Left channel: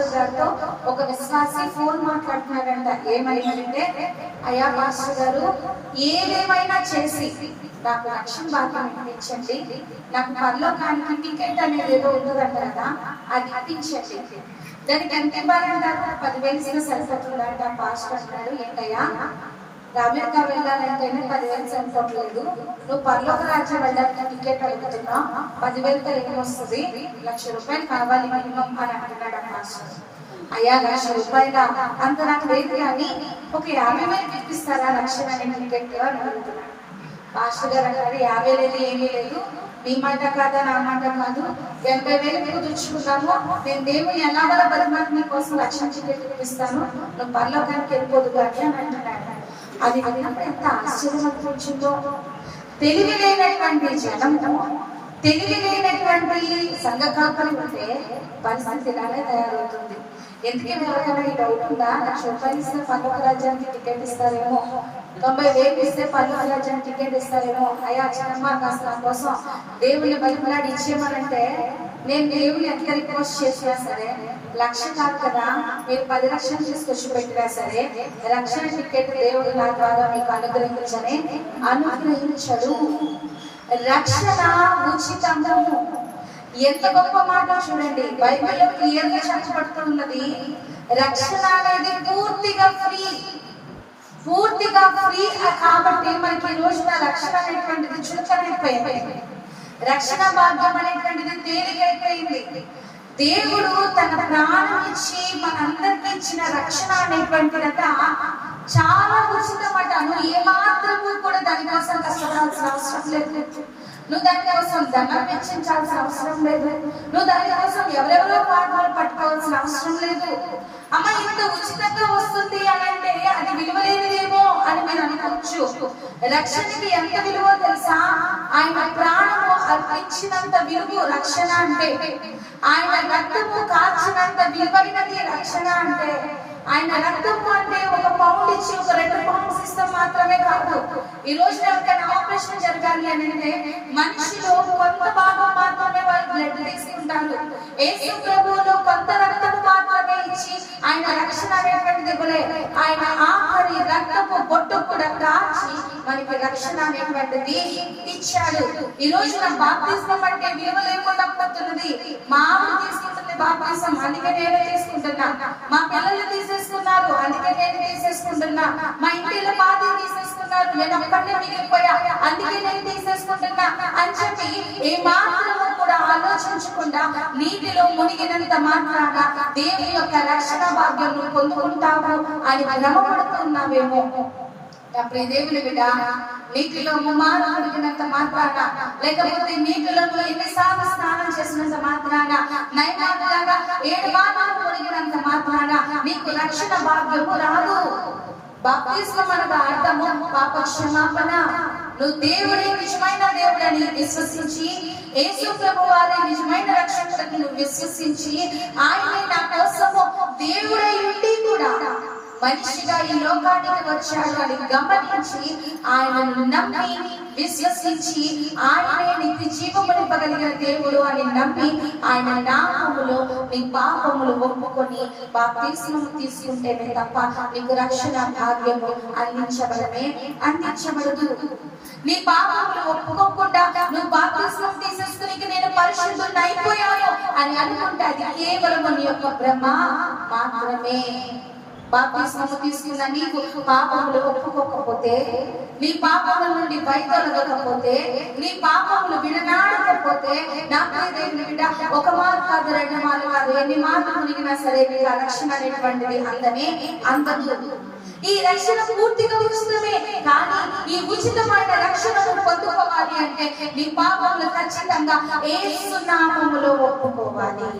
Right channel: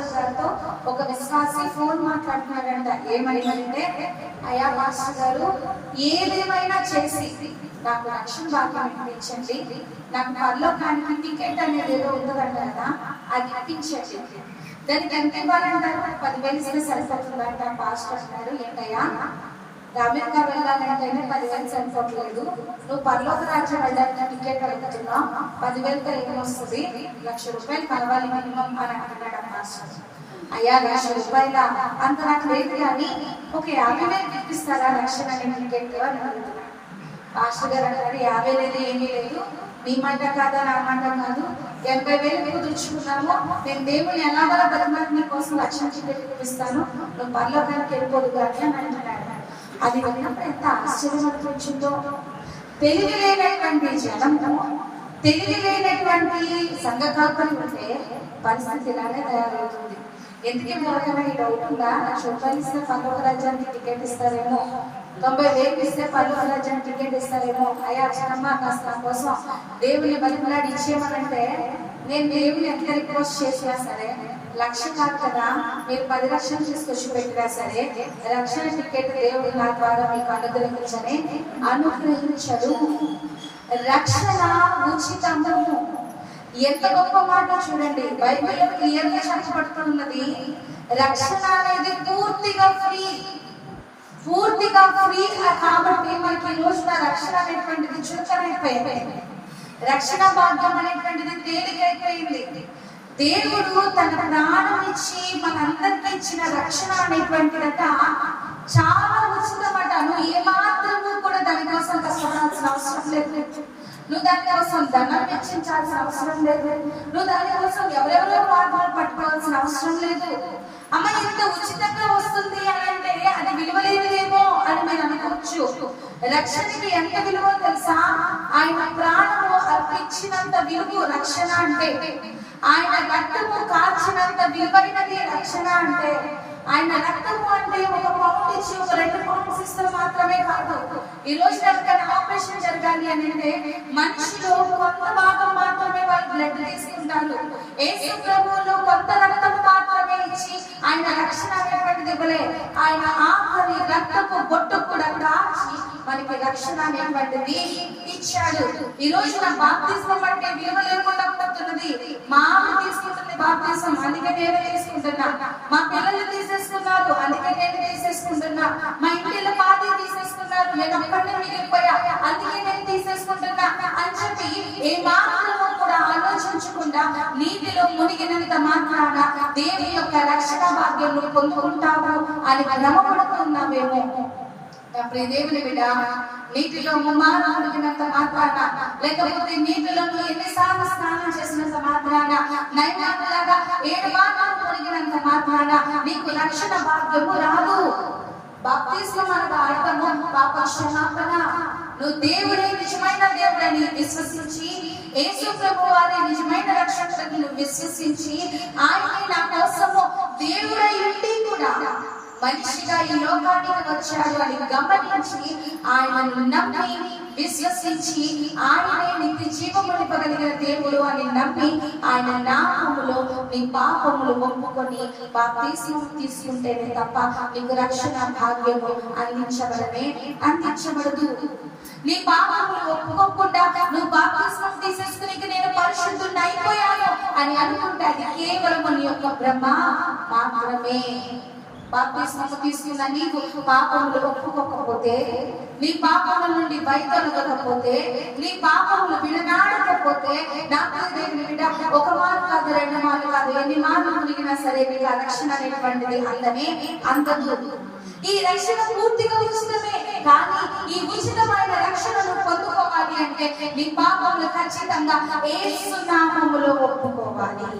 Pastor గారితో ఒక విశ్వాసి ఫోన్ మాట్లాడుతున్నాడంట. ఏమని అంటే, అయ్యా పాస్టర్ గారు, ఏదేమైనా చేసి నాకు రక్షణ భాగ్యం ఇప్పించండి, నాకు పరలోకానికి టికెట్ అనేది ఏదో ఉంటుందంట కదా, అది ఇప్పించండి. దానికి ఎంత ఇవ్వాలంటారు? 10,000 ఇస్తే సరిపోతుందంట. పాస్టర్ అన్నారు, ఏంటయ్యా అమెరికా వెళ్ళాలంటేనే 10,000 సరిపోవట్లేదు, నువ్వు పరలోక రాజ్యం వెళ్ళాలంటే టికెట్ అడుగుతున్నావు, 10,000 ఏమొస్తుంది, ₹1,00,000 కావాలి మినిమం అని అంటున్నాడు మాస్టర్. అయ్యా ₹1,00,000 అంత నాకు లేదు, కానీ ఒక 50,000 ఇప్పిస్తారా లక్షణాన్ని టికెట్ అని అడుగుతున్నాడు. మాస్టర్ గారు అన్నారు, 50,000 ఏమీ లేదు, నీ మాట కాదా నా మాట కాదు, 80,000 కుదుర్చుకున్నాము, నేను దేవుని ఎలాగోలా బతిమాలి నీ కోసం లక్షణ టికెట్ ఇప్పిస్తాను, నువ్వు పరలోకానికి వెళ్ళిపోదు అని అంటున్నాడు. అది విన్నప్పుడు ఎంత ఆశ్చర్యం అనిపించిందో. తెలివి లేనటువంటి జనము, తెలివి లేనటువంటి సంఘ కాపులు ఉంటే పరిస్థితి ఇలానే తయారవుతుంది. ఎందుకే ఎవరికైనా డౌట్ ఉందా? ₹1,00,000 ఇస్తే పరలోక రాజ్యానికి టికెట్ ఇస్తారేమో, 90,000 ఇస్తే పరలోక రాజ్యానికి టికెట్ ఇస్తారేమో. అయ్యా చిన్నమ్మ కాస్త నా కోసం దేవుని బతిమలాడి ఇచ్చేయమనంటే, నేను దేవుని ఎంత రిక్వెస్ట్ చేసినా సరే, 1,00,000 కాదు కదా, మీరు 10 లక్షలు తీసుకొచ్చి పెట్టినా సరే, రక్షణ టికెట్ దేవుడు నా ద్వారా మీకు అనుగ్రహించడు. రక్షణ ఉచితము. ఎంత గొప్ప మాట చూడండి, బైబిల్లో క్లియర్ గా చెప్పబడుతున్నది. రక్షణ అనేది పూర్తిగా ఫ్రీ, పూర్తిగా ఫ్రీ. కాబట్టి మనకి ఈ రోజున రక్షణ అనేటువంటిది చురుకైపోయింది, రక్షణ భాగ్యం అనేటువంటిది తేలికైపోయింది. దేవుడు తన ప్రాణం ఇచ్చి మనందరికి ఇచ్చిన రక్షణ అనేటువంటిదంతా చాలా ఉచితపడ్డాను. ఏమాత్రము కూడా దానికోసం కష్టపడాల్సిన అవసరం లేదు. నువ్వు దానికోసం ధనం వెచ్చించాల్సిన అవసరం లేదు. నువ్వు దానికోసం ఎవరెవరో పాఠాలు పట్టుకోవాల్సిన అవసరం లేదు. అమ్మ ఇంత ఉచితంగా వస్తుంది అని అంటే అది విలువలేదేమో అని మీరు అనుకోవచ్చు. రక్షణకి ఎంత విలువ తెలుసా? ఆయన ప్రాణము అర్పించినంత విలువ రక్షణ అంటే, ఆయన రక్తము కార్చినంత విలువైనది రక్షణ అంటే. ఆయన రక్తము అంటే ఒక పౌండ్ ఇచ్చి ఒక 2 పౌండ్స్ ఇస్తాం మాత్రమే కాదు. ఈ రోజు ఎవరికైనా ఆపరేషన్ జరగాలి అని అంటే మనిషిలో కొంత భాగం మాత్రమే వాళ్ళు బ్లడ్ తీసుకుంటారు. యేసు ప్రభువులో కొంత రక్తము మాత్రమే ఇచ్చి ఆయన రక్షణ అనేటువంటిది ఇవ్వలే. ఆయన ఆఖరి రక్తము బొట్టు కూడా కాచి మనకి రక్షణ అనేటువంటిది ఇచ్చాడు. ఈ రోజు నా బాప్తిస్మం అంటే విలువ లేకుండా పోతున్నది. మా ఆవిడ తీసుకుంటుంది బాప్తిస్మం, అందుకే నేనే తీసుకుంటున్నా. మా పిల్లలు తీసేసుకున్నారు, అందుకే నేను తీసేసుకుంటున్నా. మా ఇంటిలో పార్టీ తీసేసుకున్నారు, నేను అక్కడే మిగిలిపోయా, అందుకే నేను తీసేసుకుంటున్నా అని చెప్పి ఏ మాత్రము కూడా ఆలోచించకుండా నీటిలో మునిగినంత మాత్రాన దేవుని యొక్క రక్షణ భాగ్యం పొందుకుంటావు అని భ్రమపడుతున్నావేమో. దేవుని బిడ్డ, నీటిలో ముమ్మారు మునిగినంత మాత్రాన, లేకపోతే నీటిలో ఎన్నిసార్లు స్నానం చేసినంత మాత్రాన, నైమాట్లాగా 7 వారాలు మునిగినంత మాత్రాన నీకు రక్షణ భాగ్యము రాదు. బాప్తిస్మం అనగా అర్థము పాప క్షమాపణ. నువ్వు దేవుడే నిజమైన దేవుడని విశ్వసించి, యేసు ప్రభువారి నిజమైన రక్షకుడిని నువ్వు విశ్వసించి, ఆయనే నా కోసము దేవుడై ఉండి కూడా మనిషిగా ఈ లోకానికి వచ్చాడు అని గమనించి, ఆయనను నమ్మి విశ్వసించి, ఆయనే నిత్య జీవమునివ్వగలిగిన దేవుడు అని నమ్మి, ఆయన నామములో నీ పాపములు ఒప్పుకొని బాప్తిస్మం తీసుకుంటేనే తప్ప నీకు రక్షణ భాగ్యము అందించబడదు. నీ పాపములు ఒప్పుకోకుండా నువ్వు బాప్తిస్మం తీసేసుకుని నేను పరిశుద్ధుడిని అయిపోయాను అని అనుకుంటే అది కేవలం నీ యొక్క భ్రమ మాత్రమే. బాప్తిస్మం తీసుకున్న నీకు పాపములు ఒప్పుకోకపోతే, నీ పాపముల నుండి బయటొలగకపోతే, నీ పాపములు విడనాడకపోతే, నాకు దేవుని బిడ్డ 1 మార్లు కాదు 2 మార్లు కాదు, ఎన్ని మార్లు మునిగినా సరే నీకు ఆ రక్షణ అనేటువంటిది అందదు. ఈ రక్షణ పూర్తిగా ఉచితమే, కానీ ఈ ఉచితమైన రక్షణను పొందుకోవాలి అంటే నీ పాపములు ఖచ్చితంగా యేసు నామములో ఒప్పుకోవాలి.